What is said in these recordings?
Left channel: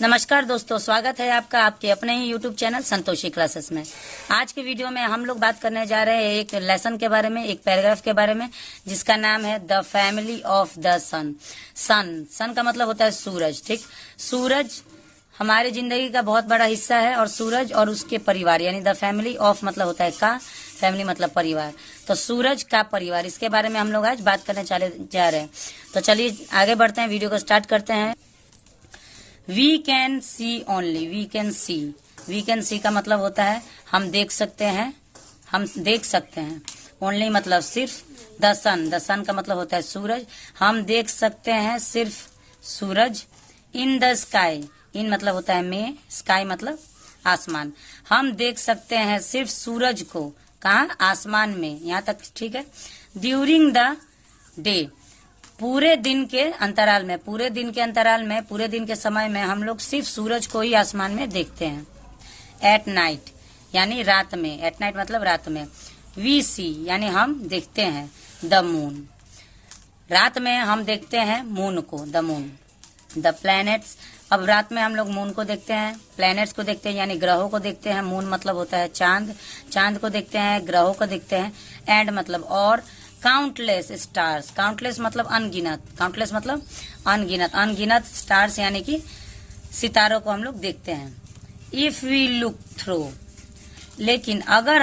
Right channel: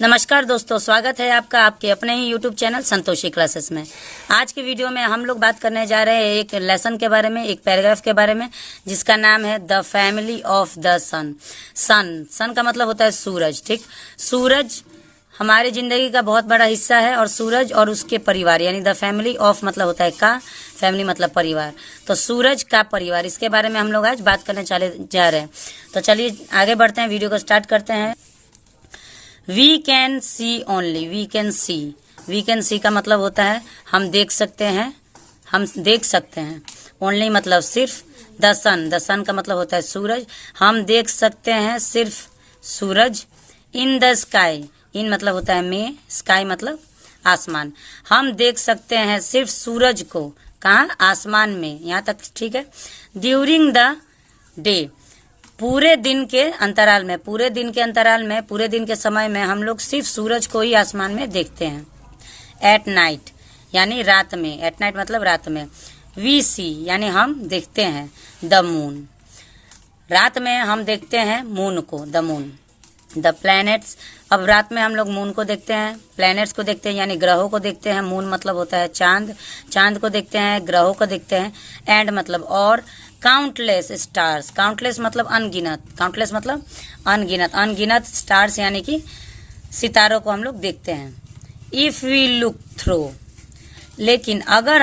नमस्कार दोस्तों, स्वागत है आपका आपके अपने ही YouTube चैनल संतोषी क्लासेस में। आज की वीडियो में हम लोग बात करने जा रहे हैं एक लेसन के बारे में, एक पैराग्राफ के बारे में, जिसका नाम है द फैमिली ऑफ द सन। सन का मतलब होता है सूरज। ठीक, सूरज हमारे जिंदगी का बहुत बड़ा हिस्सा है और सूरज और उसके परिवार यानी द फैमिली ऑफ मतलब होता है का, फैमिली मतलब परिवार। तो सूरज का परिवार, इसके बारे में हम लोग आज बात करने जा रहे हैं। तो चलिए आगे बढ़ते हैं, वीडियो को स्टार्ट करते हैं। We can see only, we can see का मतलब होता है हम देख सकते हैं। ओनली मतलब सिर्फ। द सन का मतलब होता है सूरज, हम देख सकते हैं सिर्फ सूरज। इन द स्काई, इन मतलब होता है में, स्काई मतलब आसमान, हम देख सकते हैं सिर्फ सूरज को। कहाँ? आसमान में। यहाँ तक ठीक है। ड्यूरिंग द डे, पूरे दिन के अंतराल में, पूरे दिन के समय में हम लोग सिर्फ सूरज को ही आसमान में देखते हैं। एट नाइट यानी रात में, एट नाइट मतलब रात में। वी सी यानी हम देखते हैं द मून, रात में हम देखते हैं मून को, द मून। द प्लैनेट्स, अब रात में हम लोग मून को देखते हैं, प्लैनेट्स को देखते हैं यानी ग्रहों को देखते हैं। मून मतलब होता है चांद को देखते हैं, ग्रहों को देखते हैं। एंड मतलब और। काउंटलेस स्टार्स, काउंटलेस मतलब अनगिनत स्टार्स यानी कि सितारों को हम लोग देखते हैं। इफ वी लुक थ्रू, लेकिन अगर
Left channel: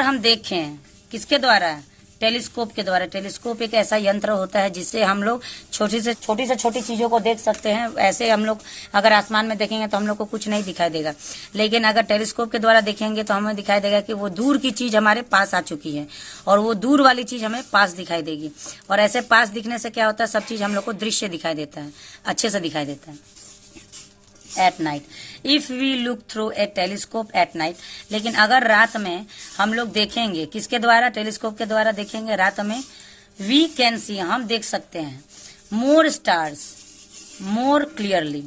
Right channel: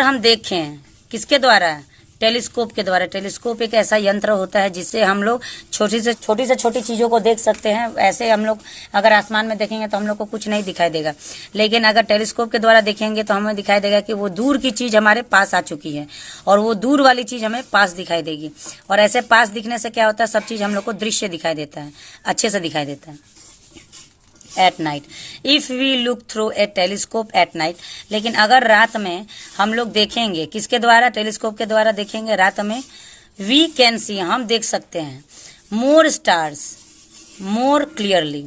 हम देखें किसके द्वारा? टेलीस्कोप के द्वारा। टेलीस्कोप एक ऐसा यंत्र होता है जिससे हम लोग छोटी से छोटी चीजों को देख सकते हैं। ऐसे हम लोग अगर आसमान में देखेंगे तो हम लोग को कुछ नहीं दिखाई देगा, लेकिन अगर टेलीस्कोप के द्वारा देखेंगे तो हमें दिखाई देगा कि वो दूर की चीज हमारे पास आ चुकी है और वो दूर वाली चीज हमें पास दिखाई देगी। और ऐसे पास दिखने से क्या होता है, सब चीज हम लोग को दृश्य दिखाई देता है, अच्छे से दिखाई देता है। At night, if we look through a telescope at night, लेकिन अगर रात में हम लोग देखेंगे किसके द्वारा? टेलीस्कोप के द्वारा देखेंगे रात में। वी कैन सी, हम देख सकते हैं। मोर स्टार्स मोर क्लियरली,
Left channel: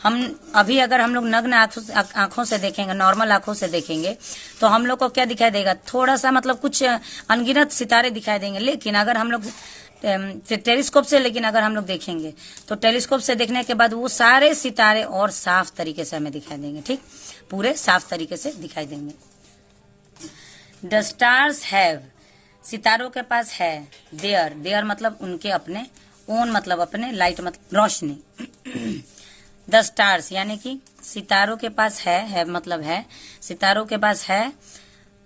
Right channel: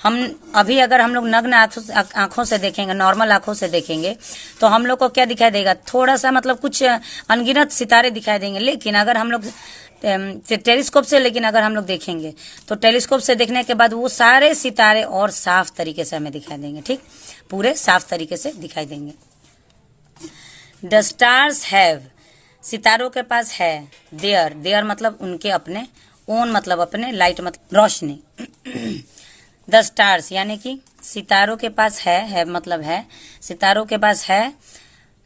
हम अभी अगर हम लोग नग्न आंखों से देखेंगे, नॉर्मल आंखों से देखेंगे तो हम लोग को क्या दिखाई देगा? थोड़ा सा मतलब कुछ अनगिनत सितारे दिखाई देंगे। लेकिन अगर हम लोग टेलीस्कोप से अगर हम लोग देखेंगे तो टेलीस्कोप से देखने के बाद वो सारे सितारे और साफ तरीके से हमें दिखाई देंगे। ठीक, पूरे साफ तरीके से दिखाई देंगे। द स्टार्स हैव, सितारों के पास है। देयर मतलब उनके अपने, ओन मतलब अपने, लाइट मतलब रोशनी। द स्टार्स यानी कि सितारों के पास है मतलब है, सितारों के पास है।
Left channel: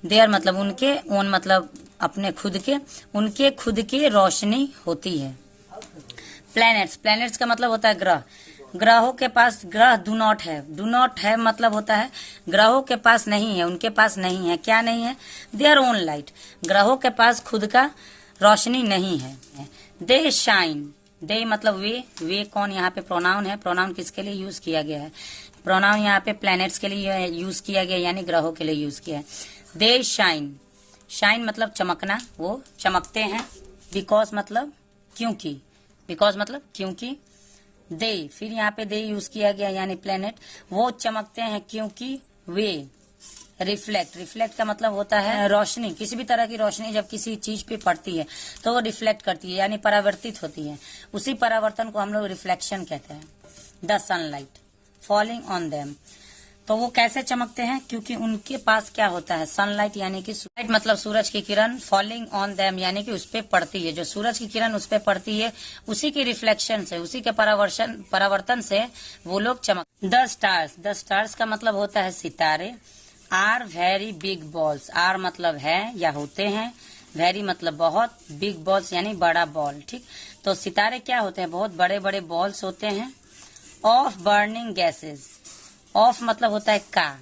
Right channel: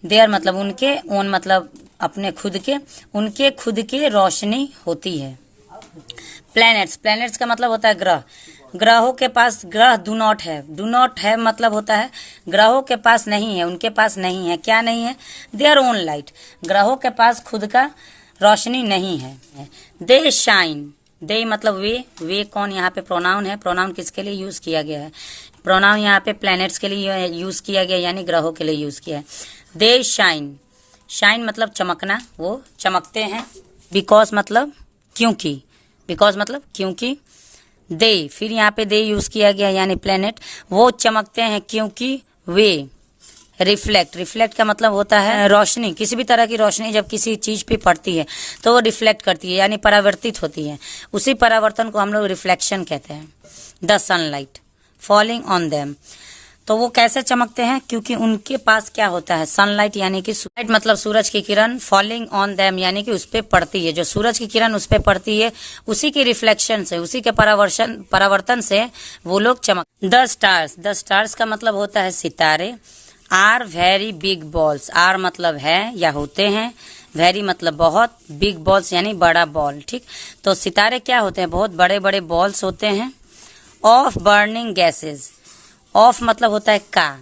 देयर मतलब उनके, ओन मतलब अपने खुद के, उनके खुद के रोशनी होती है। प्लैनेट्स का मतलब होता है ग्रह, ग्रहों के पास, ग्रह डू नॉट है मतलब होता है ग्रहों के पास नहीं है, उनके पास नहीं है। क्या नहीं है? देयर ओन लाइट, ग्रहों के पास खुद का रोशनी नहीं है। दे शाइन, दे मतलब वे कौन? यहाँ पे प्रोनाउन है। प्रोनाउन किसके लिए यूज किया गया है? प्रोनाउन यहाँ पे प्लैनेट्स के लिए यूज किया गया यानी ग्रहों के लिए यूज किया है। दे शाइन मतलब चमकना, वो चमकते हैं। बिकॉज मतलब क्योंकि। दे, फिर यहाँ पे दे यूज किया गया यानी प्लेनेट, वो चमकते हैं क्योंकि वे रिफ्लेक्ट का मतलब होता है रोशनी। किसी भी तरह की रोशनी जब किसी चीज पे पड़ती है तो वो रिफ्लेक्ट करती है यानी परावर्तित होती है। उसी परावर्तन को हम लोग रिफ्लेक्शन कहते हैं। The sunlight falling on them, तो वो कैसे चमकते हैं? क्योंकि उनके पास क्या होता है? सनलाइट यानी कि लाइट मतलब सूरज की किरण, फॉलिंग ऑन देम यानी कि उस पे पड़ती है। जो सूरज की किरण उस पे पड़ती है, उसी की रिफ्लेक्शन से, उसी के परावर्तन से वो लोग चमक। द स्टार्स का मतलब होता है सितारे। Are very big balls, are मतलब है या होते हैं, वेरी मतलब बहुत, बिग बॉल्स यानी बड़ा बॉल। ठीक, तो सितारे क्या होते हैं? बहुत बड़े बड़े बॉल्स होते हैं। ऑफ बर्निंग गैसेज, ऑफ मतलब होता है का,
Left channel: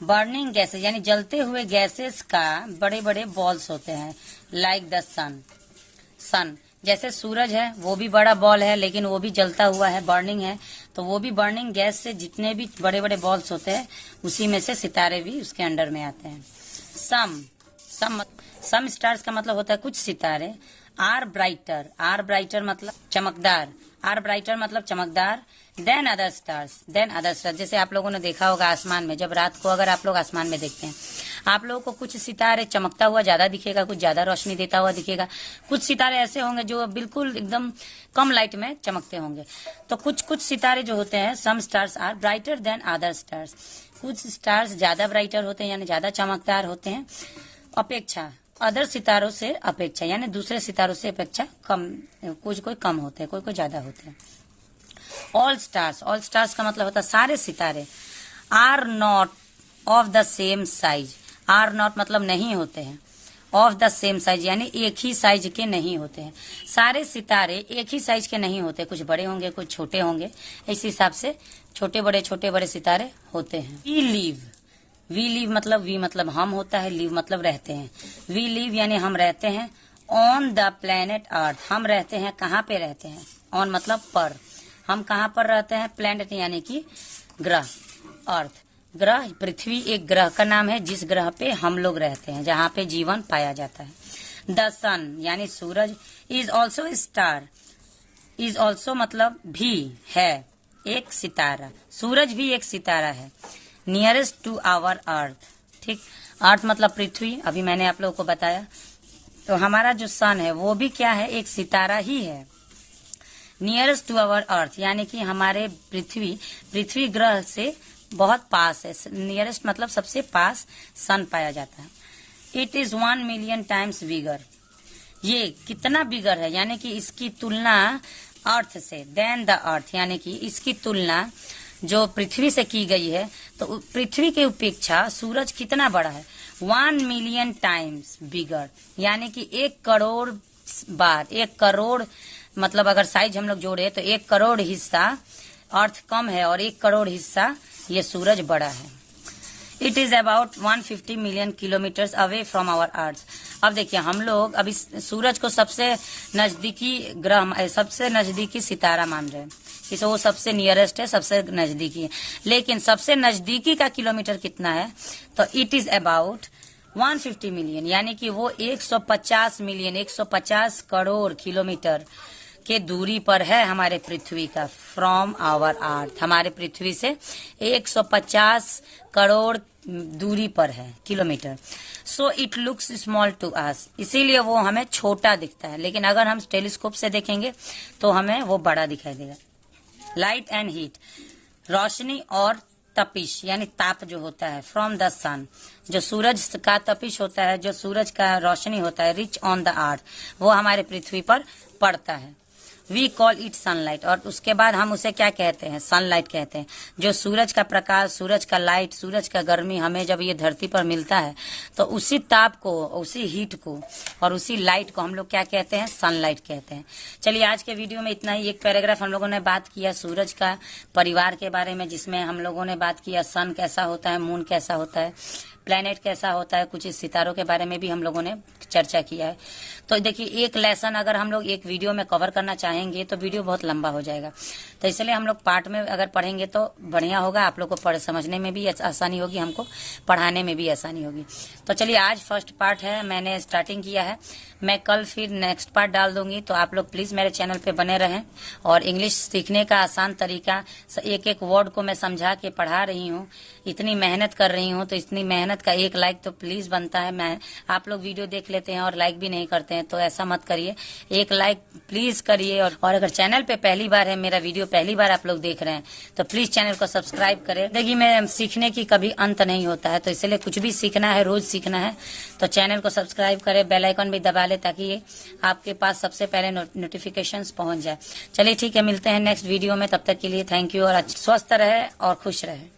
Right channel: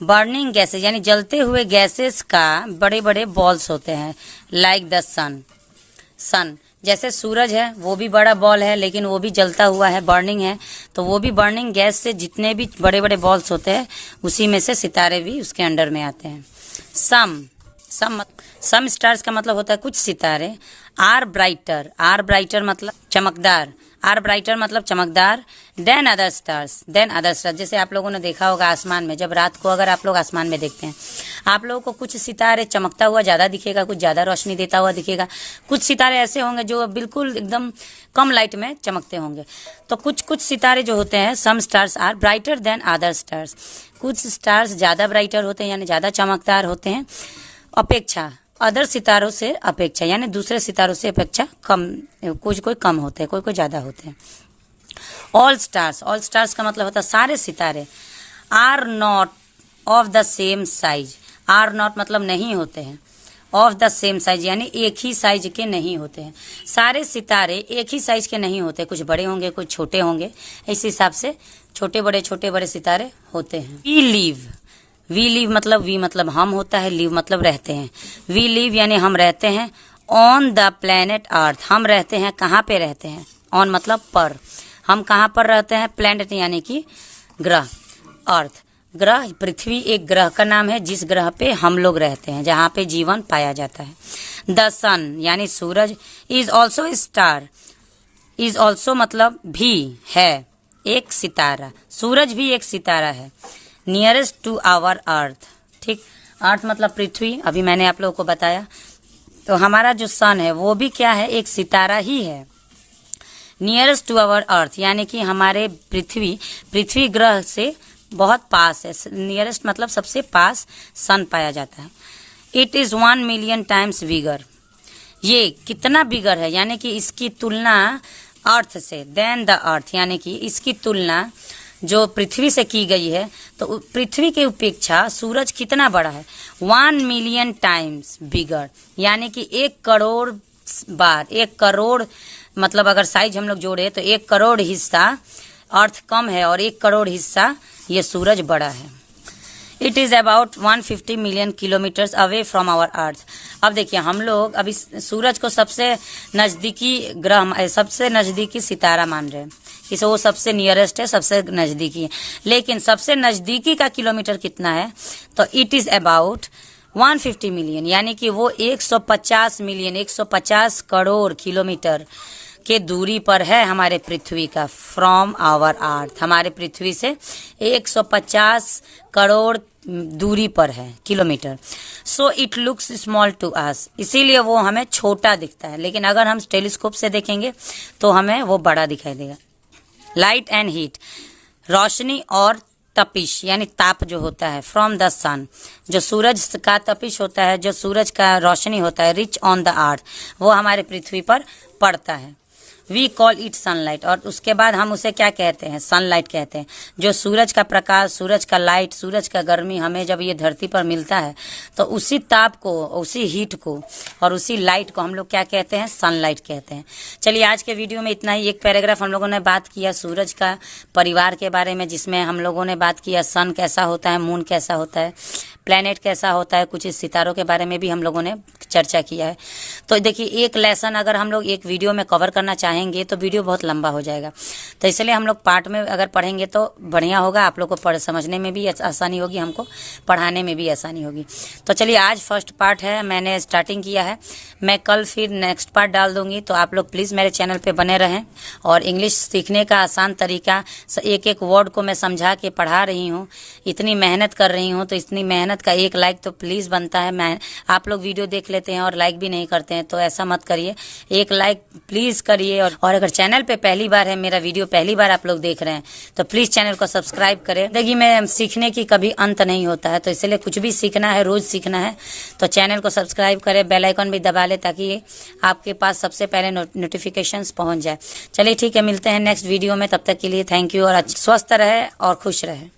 बर्निंग गैसेज यानी जलते हुए गैसेस का बड़े बड़े बॉल्स होते हैं। लाइक द सन, जैसे सूरज है वो भी बड़ा बॉल है लेकिन वो भी जलता हुआ है, बर्निंग है, तो वो भी बर्निंग गैस से जितने भी बड़े बड़े बॉल्स होते हैं उसी में से सितारे भी उसके अंडर में आते हैं। सम स्टार्स का मतलब होता है कुछ सितारे। आर ब्राइटर मतलब चमकदार, आर ब्राइटर मतलब चमकदार। देन अदर स्टार्स, जैसे आप लोगों ने देखा होगा आसमान में, जब रात को अगर आप लोग आसमान में देखते हैं, आप लोगों को कुछ सितारे चमकता हुआ ज्यादा दिखेगा, कुछ ज्यादा रोशनी देता हुआ दिखेगा, कुछ सितारे ऐसे होंगे जो बिल्कुल एकदम कम लाइट में चमकते होंगे। तो कुछ सितारे जो होते हैं, some stars are brighter than other stars, कुछ स्टार्स ज्यादा ब्राइटर होते हैं यानी ज्यादा चमकदार होते हैं अपेक्षा अदर सितारों से, अपेक्षा यानी दूसरे सितारों से अपेक्षा कम, कोई कम होते हैं, कोई ज्यादा होते हैं। ऑल स्टार्स का मतलब होता है सारे सितारे। Are not of the same size, are not मतलब नहीं होते हैं, ऑफ द सेम साइज यानी एक ही साइज के नहीं होते हैं। सारे सितारे एक ही साइज के नहीं होते, कुछ बड़े होंगे कुछ छोटे होंगे, इस हिसाब से छोटे बड़े सितारे होते हैं। वी लिव मतलब हम होता है, लिव मतलब रहते हैं। वी लिव यानी हम रहते हैं ऑन द प्लेनेट अर्थ, हम रहते हैं कहाँ पे रहते हैं, ऑन मतलब पर, हम कहाँ पर रहते हैं, प्लेनेट यानी कि ग्रह, अर्थ ग्रह, पृथ्वी एक ग्रह का नाम है जिस ग्रह पे हम लोग रहते हैं, जहाँ पे जीवन पाया जाता है। द सन यानी सूरज, is also star, is also मतलब भी है एक सितारा, सूरज भी एक सितारा है। नियरेस्ट टू आवर अर्थ, ठीक, अर्थ मतलब पृथ्वी, अभी मैंने आप लोगों को बताया। तो हमारा जो सन है वो भी क्या है, एक सितारा ही है। नियरेस्ट टू आवर अर्थ यानी कि हमारे पृथ्वी ग्रह से बहुत पास है, नियरेस्ट मतलब सबसे पास सन पाया जाता है। It is 1 million times bigger, ये कितना बिगर है यानी कि इसकी तुलना अर्थ से, देन द अर्थ यानी कि इसकी तुलना जो पृथ्वी से की गई है, तो पृथ्वी की अपेक्षा सूरज कितना बड़ा है, 1 मिलियन टाइम्स बिगर यानी कि 1 करोड़ बार, 1 करोड़ मतलब अगर साइज हम लोग जोड़े तो 1 करोड़ हिस्सा अर्थ कम है और 1 करोड़ हिस्सा ये सूरज बड़ा है। It is about 150 million kilometres away from our earth. अब देखिए हम लोग अभी सूरज को सबसे नजदीकी ग्रह, सबसे नजदीकी सितारा मान रहे हैं, इसे वो सबसे नियरेस्ट है, सबसे नजदीकी है, लेकिन सबसे नजदीकी का किलोमीटर कितना है, तो इट इज अबाउट 150 मिलियन यानी कि वो 150 करोड़ किलोमीटर के दूरी पर है हमारे पृथ्वी का, फ्रॉम आवर अर्थ, हमारे पृथ्वी से 150 करोड़ दूरी पर है kilometre. So it looks small to us, इसीलिए वो हमें छोटा दिखता है, लेकिन अगर हम टेलीस्कोप से देखेंगे तो हमें वो बड़ा दिखाई देगा। लाइट एंड हीट, रोशनी और तपिश यानी ताप जो होता है, फ्रॉम द सन, जो सूरज का तपिश होता है, जो सूरज का रोशनी होता है, रिच ऑन द अर्थ, वो हमारे पृथ्वी पर पड़ता है। वी कॉल इट सनलाइट, और उसके बाद हम उसे क्या कहते हैं, सनलाइट कहते हैं। जो सूरज का प्रकाश, सूरज का लाइट, सूरज का गर्मी हमें जब ये धरती पर मिलता है तो उसी ताप को, उसी हीट को और उसी लाइट को हम लोग क्या कहते हैं, सनलाइट कहते हैं। चलिए आज के वीडियो में इतना ही। एक पैराग्राफ हम लोगों ने बात किया सूरज का परिवार के बारे में, जिसमें हम लोगों ने बात किया सन कैसा होता है, मून कैसा होता है, प्लेनेट कैसा होता है, कुछ सितारों के बारे में भी हम लोगों ने चर्चा किया है। तो देखिए एक लेसन अगर हम लोग एक वीडियो में कवर करना चाहेंगे तो वीडियो बहुत लंबा हो जाएगा, तो इसलिए हम लोग पार्ट में अगर पढ़ेंगे तो बढ़िया होगा, आप लोग को समझने में भी आसानी होगी, हमको पढ़ाने में भी आसानी होगी। तो चलिए आज फर्स्ट पार्ट है, मैंने स्टार्टिंग किया है, मैं कल फिर नेक्स्ट पार्ट डाल दूंगी। तो आप लोग प्लीज़ मेरे चैनल पे बने रहें, और इंग्लिश सीखने का आसान तरीका, एक एक वर्ड को मैं समझा के पढ़ा रही हूँ, इतनी मेहनत कर रही हूँ, तो इतनी मेहनत का एक लाइक तो प्लीज़ बनता है। मैं आप लोग वीडियो देख लेते हैं और लाइक भी नहीं करते हैं, तो ऐसा मत करिए, एक लाइक प्लीज़ करिए। और अगर चैनल पे पहली बार है, मेरा वीडियो पहली बार आप लोग देख रहे हैं, तो प्लीज़ चैनल को सब्सक्राइब करें। देखिए मैं सीखने की कभी अंत नहीं होता है, तो इसलिए कुछ भी सीखना है, रोज़ सीखना है, तो चैनल को सब्सक्राइब करें, बेल आइकन भी दबा ले ताकि आपके पास सबसे पहले नोटिफिकेशंस पहुंच जाए। चलिए ठीक है, मिलते हैं नेक्स्ट वीडियो में, तब तक के लिए थैंक यू, और स्वस्थ रहे और खुश रहे।